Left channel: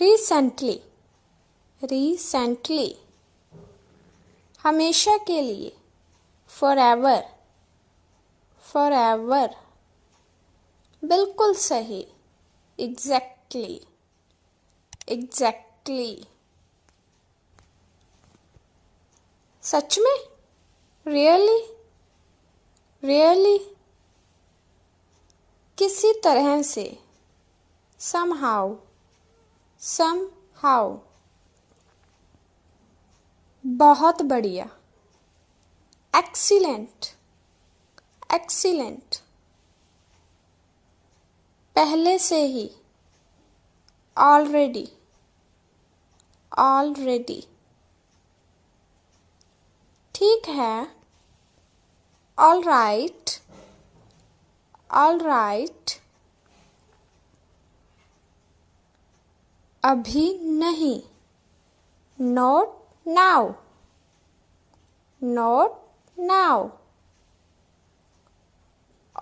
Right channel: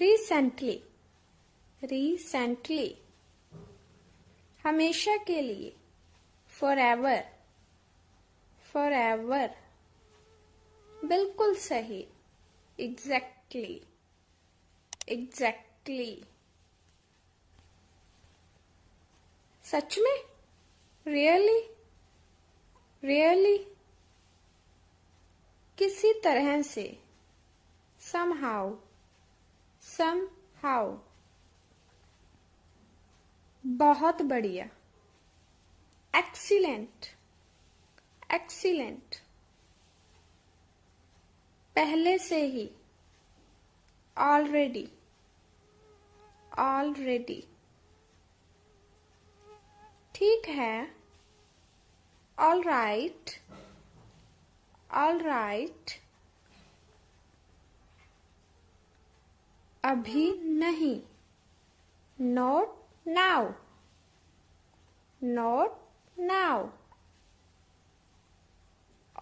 recently, recently. हमेशा के लिए, forever, forever. बिल्कुल सही, exactly, exactly. सच में, really, really. किसी तरह से, somehow, somehow. बहुत बढ़िया, excellent, excellent. पहले से ही, already, already. ठीक है, all right, all right. अभी नहीं, not now, not now.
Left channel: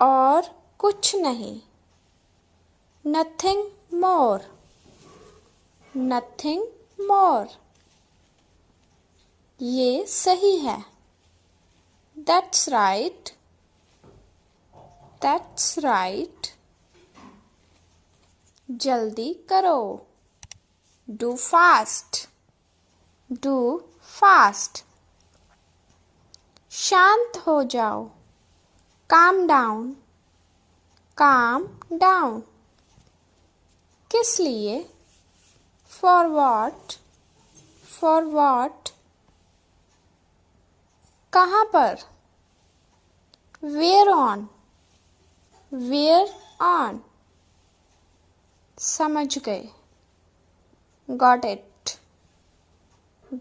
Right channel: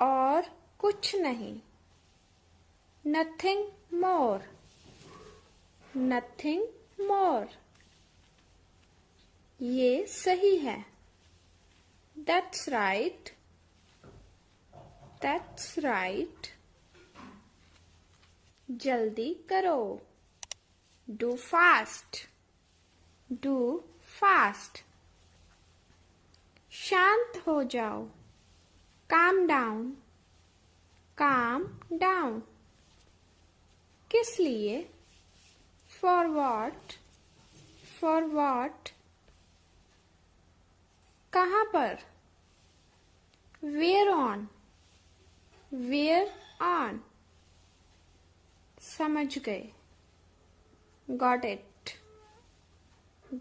और कुछ नहीं, nothing more, nothing more. ये सही है, that's right, that's right. जल्दी करो, do fast, do fast. शांत हो जाओ, calm down, calm down. किस लिए, for what, for what. कहाँ पर, where on, where on. समझ गए, got it,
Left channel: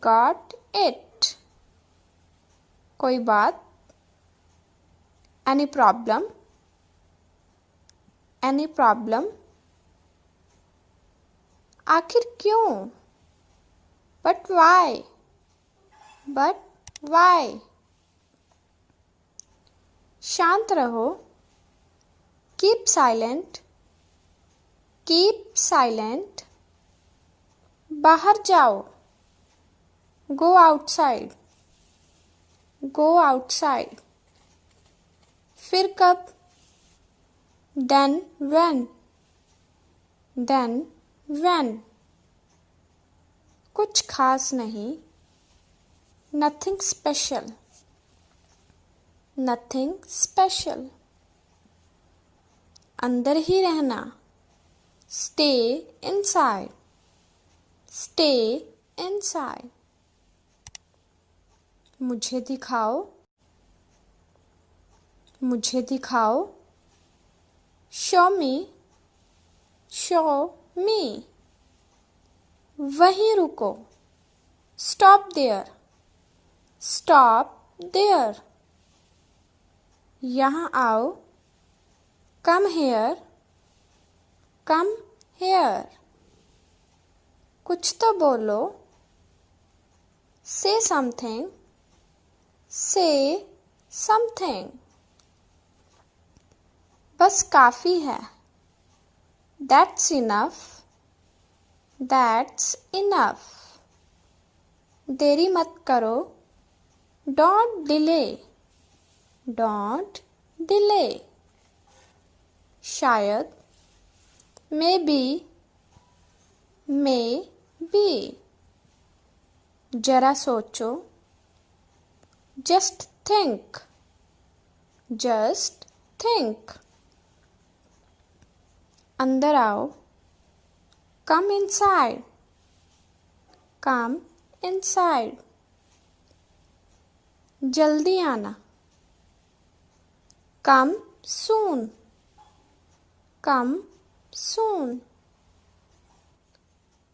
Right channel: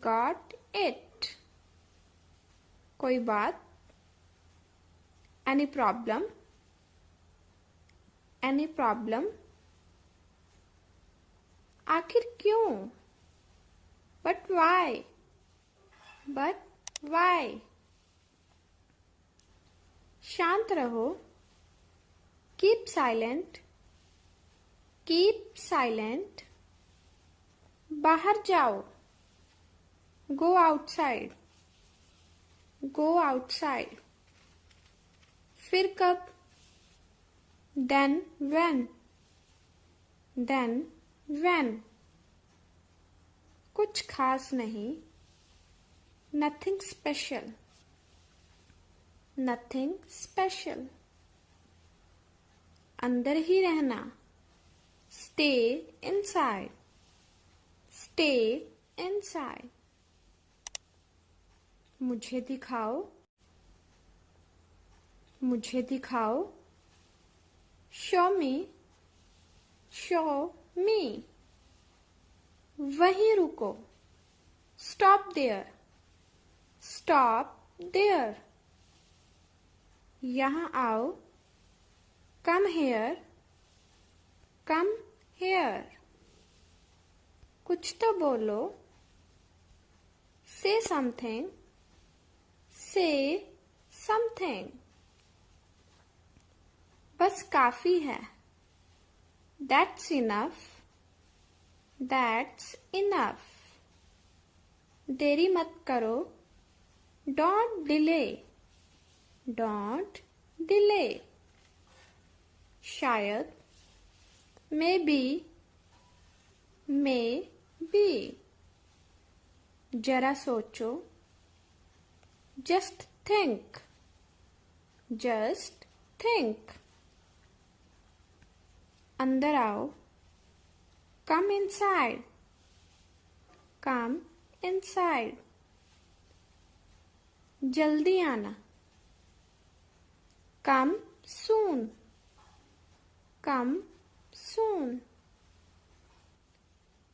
got it. कोई बात, any problem, any problem. आखिर क्यों, but why, but why. शांत रहो, keep silent, keep silent. बाहर जाओ, go outside, go outside. फिर कब, then when, then when. कुछ खास नहीं, nothing special, nothing special. अंदर ही रहना, stay inside, stay inside. मुझे दिखाओ, मुझे दिखाओ. show me, show me. वहीं रुको, stop there, stop there. यहाँ आओ, come here, come here. कुछ तो बोलो, say something, say something. बस काफ़ी है, that's enough, that's enough. देरी मत करो, don't delay, don't delay. शायद, maybe, maybe. जरा सोचो, just think, just think. अंदर आओ, come inside, come inside. जल्दी आना, come soon, come soon.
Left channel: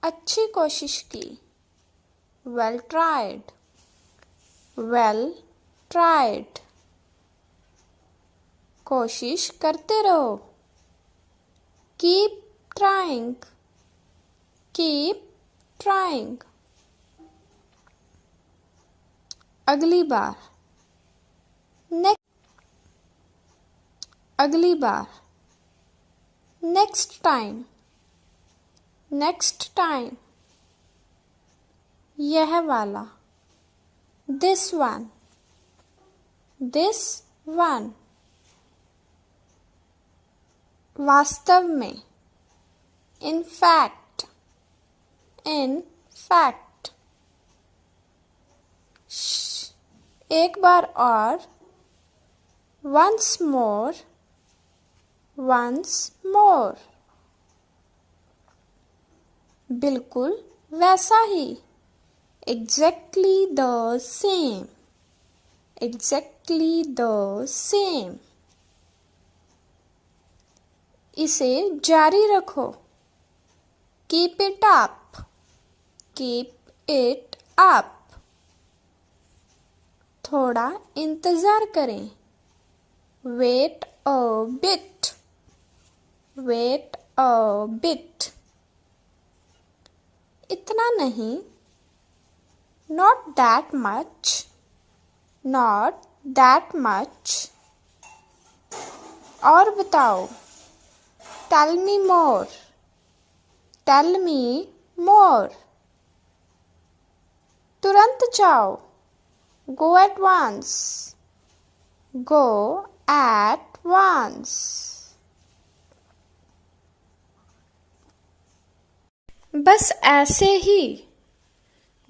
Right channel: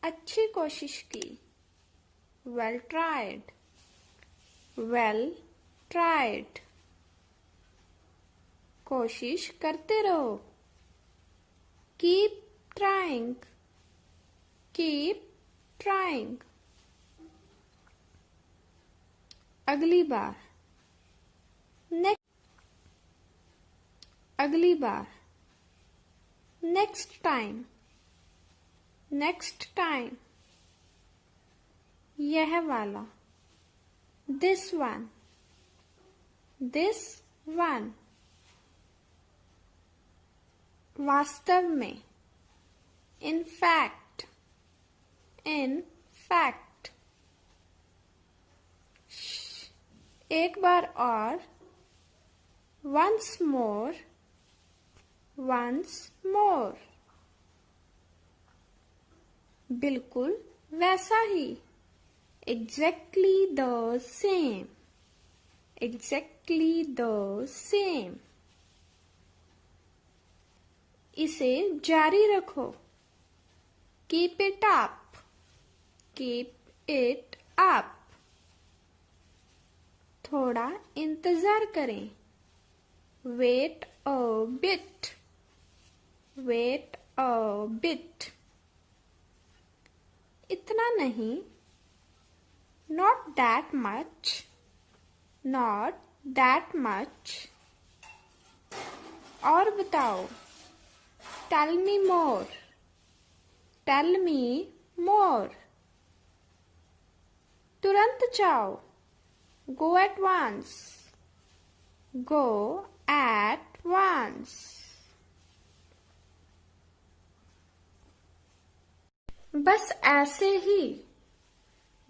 अच्छी कोशिश की, well tried, well tried. कोशिश करते रहो, keep trying, keep trying. अगली बार, अगली बार, next time, नेक्स्ट टाइम, यह वाला, दिस वन, दिस वन, वास्तव में, इन फैक्ट, इन फैक्ट, एक बार और, वंस मोर, वंस मोर, बिल्कुल वैसा ही, exactly the same, exactly the same, इसे जारी रखो, keep it up, keep it up, थोड़ा इंतजार करें, wait a bit, wait a bit, इतना नहीं, not that much, not that much, और बताओ, टेल मी मोर, टेल मी मोर, तुरंत जाओ, go at once, go at once, बस ऐसे ही,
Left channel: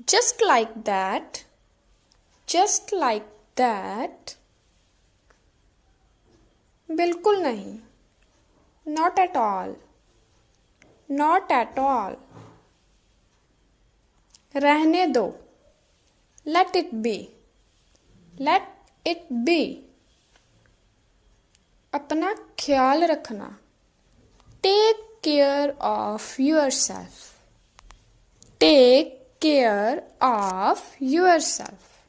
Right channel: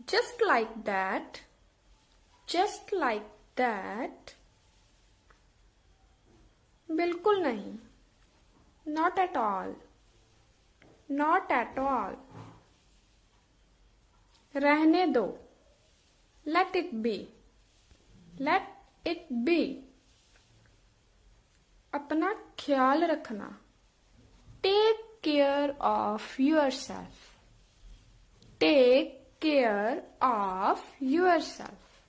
just like that, just like that, बिल्कुल नहीं, not at all, not at all, रहने दो, let it be, let it be, अपना ख्याल रखना, take care of yourself, take care of yourself,